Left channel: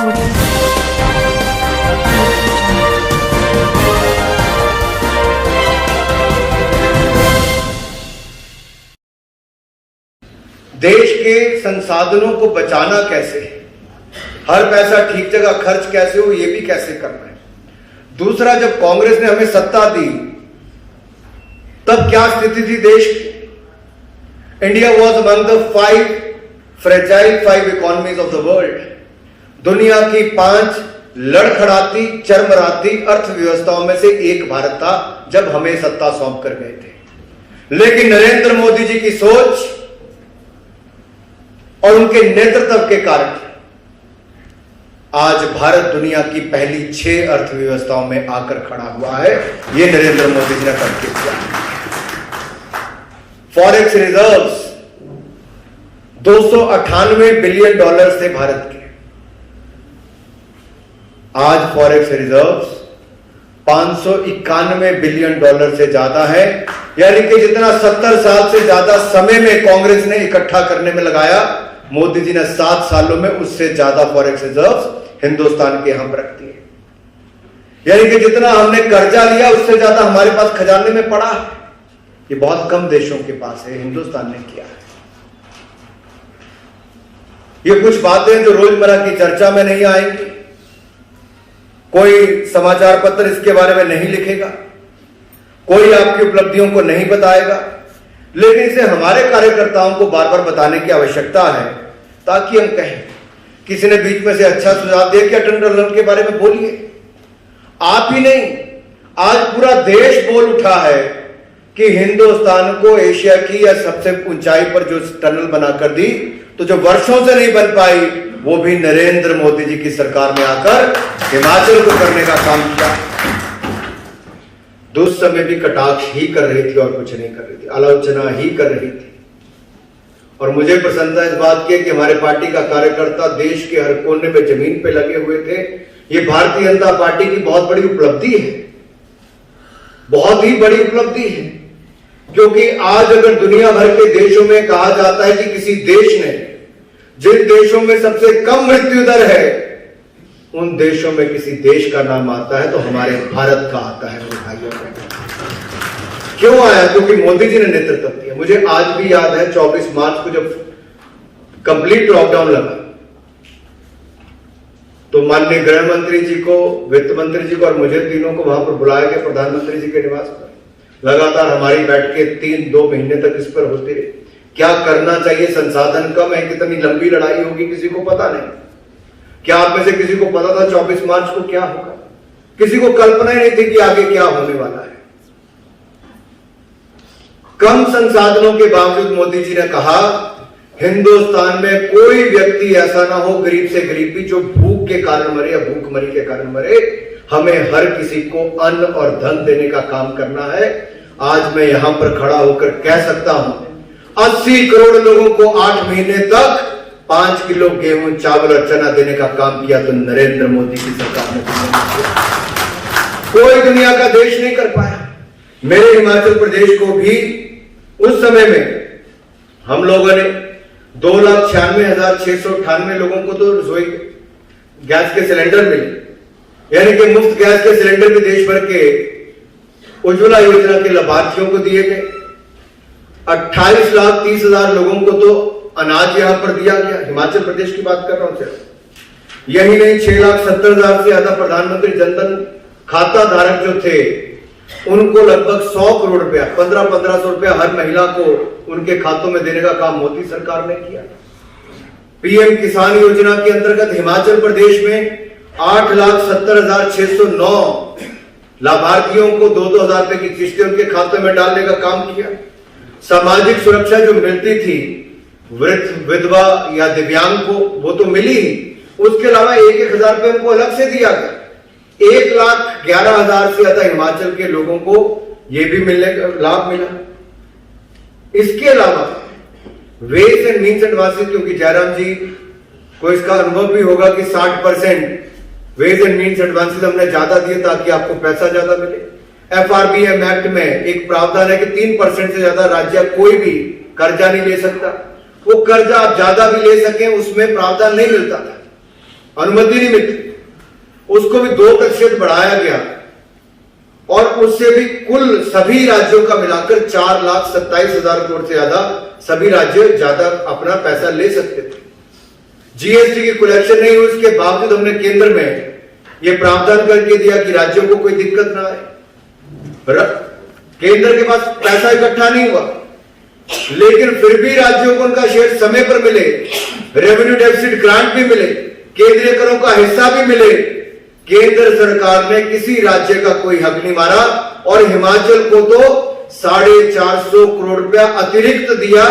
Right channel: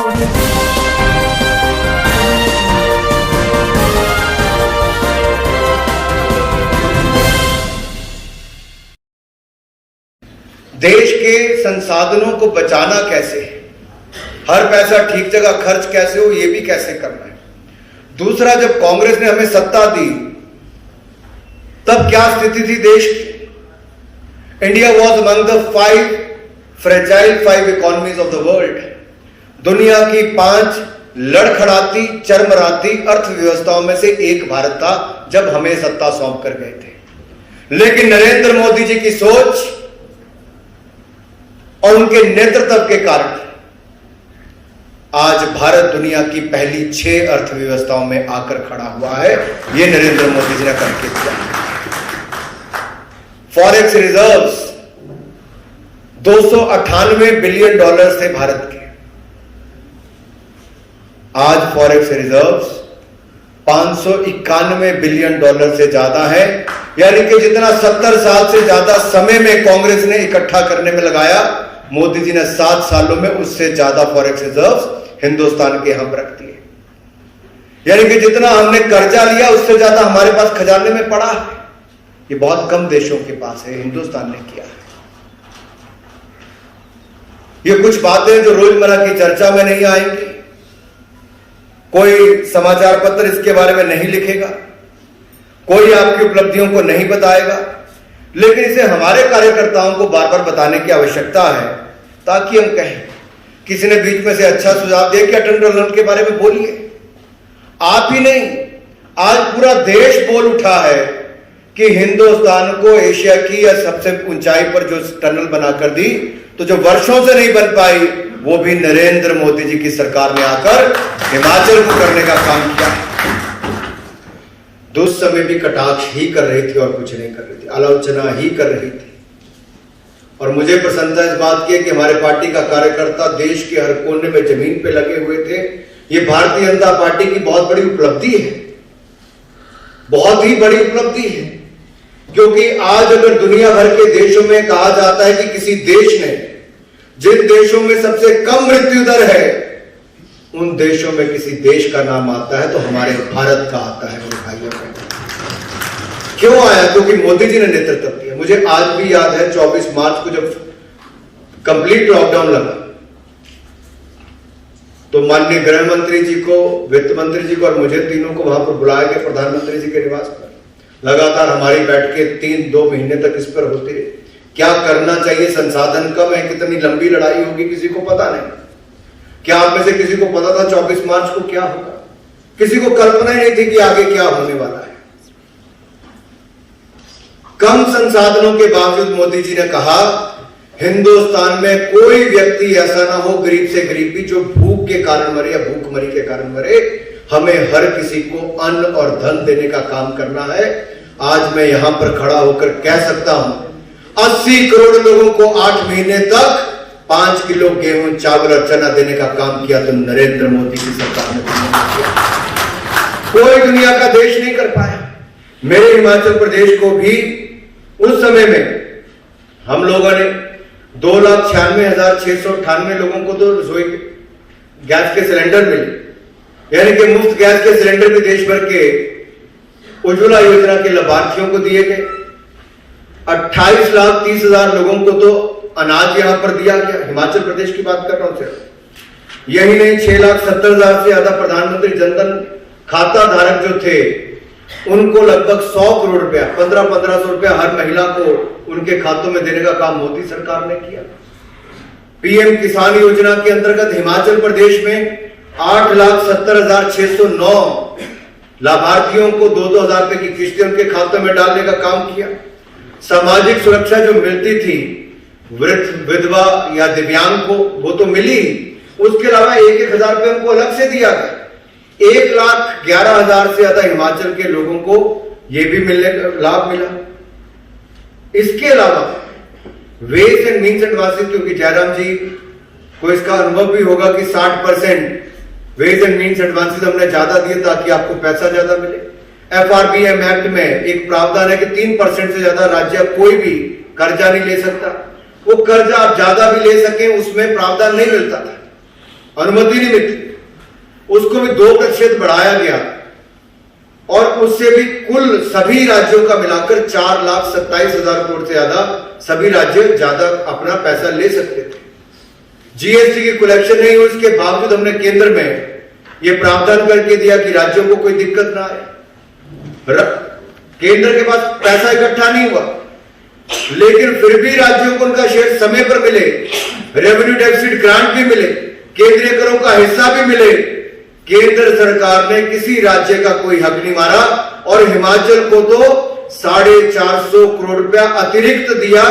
देश के संसाधनों को बचाना कैसे है, हर पैसा ठीक जगह खर्च कैसे हो, यह भी कैसे करना है। दूसरा, जब कांग्रेस ने हमें सत्ता दी तब क्या स्थिति थी देश की। India was among the 5 fragile economies of the world. दुनिया की 5 लड़खड़ाती चरमराती अर्थव्यवस्थाओं में से एक भारत था जब हमें सत्ता सौंप कर गए थे। लेकिन नरेंद्र मोदी जी की सोच और उनके नेतृत्व के कारण आज भारत दुनिया की पहली 6 अर्थव्यवस्थाओं में आकर खड़ा हुआ है। यह नरेंद्र मोदी जी ने करके दिया। फॉरेक्स रिजर्व्स 298 बिलियन डॉलर से भारत के आज फॉरेक्स रिजर्व्स 591 बिलियन डॉलर से ज्यादा है। यानी कि जितना 70 साल से ज्यादा समय में कांग्रेस ने इकट्ठा करने में लगाया, मोदी जी ने 7 सालों में उससे ज्यादा फॉरेक्स रिजर्व्स हिंदुस्तान के हम रख दिए। यानी कि जितना हमने कर्जा लिया उससे ज्यादा हमारे पास खजाने में पड़ा है। ये बहुत कम देशों के पास है, हिंदुस्तान ने किया है। ये कुछ बातें जो रोजमर्रा की चर्चा में नहीं आएंगी, कोई समाचार पत्र इसके बारे में नहीं लिखेगा, कोई आपकी उपलब्धियों को नहीं बताएगा, लेकिन इसे हमारे कार्यकर्ताओं को बार बार बताने की आवश्यकता है ताकि हम कहें। किसी ने बीच में से अच्छा सुझाव दिया कि अटल टनल के बारे में बोलिए। आप ही नहीं, आज पूरा देश बोल उठा है कि हिंदुस्तान को एशिया की या सबसे ऊंचाई पर जो टनल बनाकर दी, तो जो वर्षों से नहीं बन पाई, वो भी नरेंद्र मोदी जी की सरकार ने आकर हिमाचल को करने का काम किया। उस समय भी कटाक्ष ही कर रही थी और कुछ नहीं कर रही थी, आलोचना ही कर रही थी। और मुझे प्रसन्नता इस बात की कि हमारे पार्टी का कार्यकर्ता देश के हर कोने में जमीन पे लगे हुए थे। ये भारतीय जनता पार्टी की बहुत बड़ी उपलब्धि है, बहुत ही बड़ी उपलब्धि है। क्योंकि आज अगर दुनिया भर के देशों में कहा जाता है कि किसी देश ने जिन देशों में सबसे कम मृत्यु दर है, उन देशों में किसी देश का नाम आता है तो हमारे भारत का आता है। मेरे भाइयों का क्यों आया? क्योंकि मोदी जी ने नेतृत्व किया। मुझे आज भी याद है 24 मार्च को जब कंप्लीट लॉकडाउन लगा, तो माननीय गृह मंत्री जी को, वित्त मंत्री जी को और मुझे तीनों को वहां पर बुलाया गया प्रधानमंत्री जी के निवास पर। लगातार हमारी बैठकें 3-2 महीने तक इस पर होती रही। क्या करना चाहिए, संसाधन कम है, कितनी लंबी लड़ाई होगी किसी को पता नहीं। क्या आप में से किसी को पता था 24 मार्च को क्या होगा? किसी को कल्पना नहीं थी कि आगे क्या होने वाला है। कम संसाधनों के बावजूद मोदी जी ने कहा हिंदुस्तान में कोई व्यक्ति ऐसा ना हो गरीब से गरीब भी जो भूख के कारण मरे या भूखमरी के कारण मरे। हमें हर किसी को अन्न और धन देने का काम करना है। आज मैं यहां पर खड़ा होकर कह सकता हूं 80 करोड़ लोगों को 8 महीने तक 5 किलो गेहूं, चावल और चना देने का काम किया तो नरेंद्र मोदी की सरकार ने किया। कोई दुनिया का देश नहीं कर पाया। मेरे हिमाचल प्रदेश को भी उस समय में हम लोगों ने 2,96,698 लोगों को तो रसोई गैस के सिलेंडर मिले, यानी कि मुफ्त गैस के सिलेंडर भी देश भर के उज्ज्वला योजना के लाभार्थियों को दिए गए। 28,30,000 लोगों को तो अनाज यहां पर दिया गया। हिमाचल प्रदेश की बात कर रहा हूं सिर्फ। यही नहीं, 6,70,000 से ज्यादा प्रधानमंत्री जनधन खाता धारक जो थे उनको लगभग 100 करोड़ रुपया, 1500 रुपया हर महिला को उनके खातों में देने का काम मोदी सरकार ने किया। पीएम किसान योजना के अंतर्गत हिमाचल प्रदेश में 8,70,609 लाभार्थियों को 2-2 हजार रुपए की किस्तें उनके खातों में डालने का काम किया। सामाजिक सुरक्षा जो मिलती थी वृद्ध, विधवा या दिव्यांग को, वो तो मिली ही। उसके अलावा 1-1 हजार रुपए उनको अलग से दिया गया। 1,11,000 से ज्यादा हिमाचल के लोगों को यह भी मिलने का लाभ मिला। इसके अलावा वेज एंड मीन्स एडवांसेस, क्योंकि जयराम जी को इसका अनुभव भी होगा कि 60% वेज एंड मीन्स एडवांसेस हमने ज्यादा दिए ताकि आपको पैसा ज्यादा मिले। FRBM एक्ट में एक प्रावधान है कि 3% से ज्यादा राज्य कोई भी कर्जा नहीं ले सकता। वो कर्जा आप ज्यादा भी ले सके उसमें प्रावधान नहीं मिलता था। अनुमति नहीं मिलती, उसको भी 2% बढ़ाया गया और उससे भी कुल सभी राज्यों का मिलाकर 4,27,000 करोड़ से ज्यादा सभी राज्य ज्यादा अपना पैसा ले सकते थे। जीएसटी की कलेक्शन नहीं हुई, इसके बावजूद हमने केंद्र में यह प्रावधान करके दिया कि राज्यों को कोई दिक्कत ना आए। केंद्र के पास पैसा इकट्ठा नहीं हुआ, लेकिन फिर भी राज्यों को उनका शेयर समय पर मिले, रेवेन्यू डेफिसिट ग्रांट भी मिले, केंद्रीय करों का हिस्सा भी मिले। केंद्र सरकार ने किसी राज्य का कोई हक नहीं मारा और हिमाचल को तो 450 करोड़ रुपया अतिरिक्त दिया,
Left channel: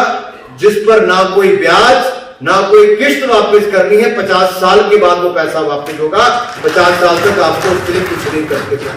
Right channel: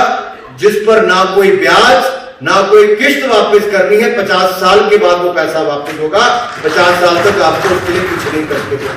जिस पर ना कोई ब्याज ना कोई किस्त वापस करनी है। 50 साल के बाद वो पैसा वापस होगा, 50 साल तक आपको उसके लिए कुछ नहीं करते थे।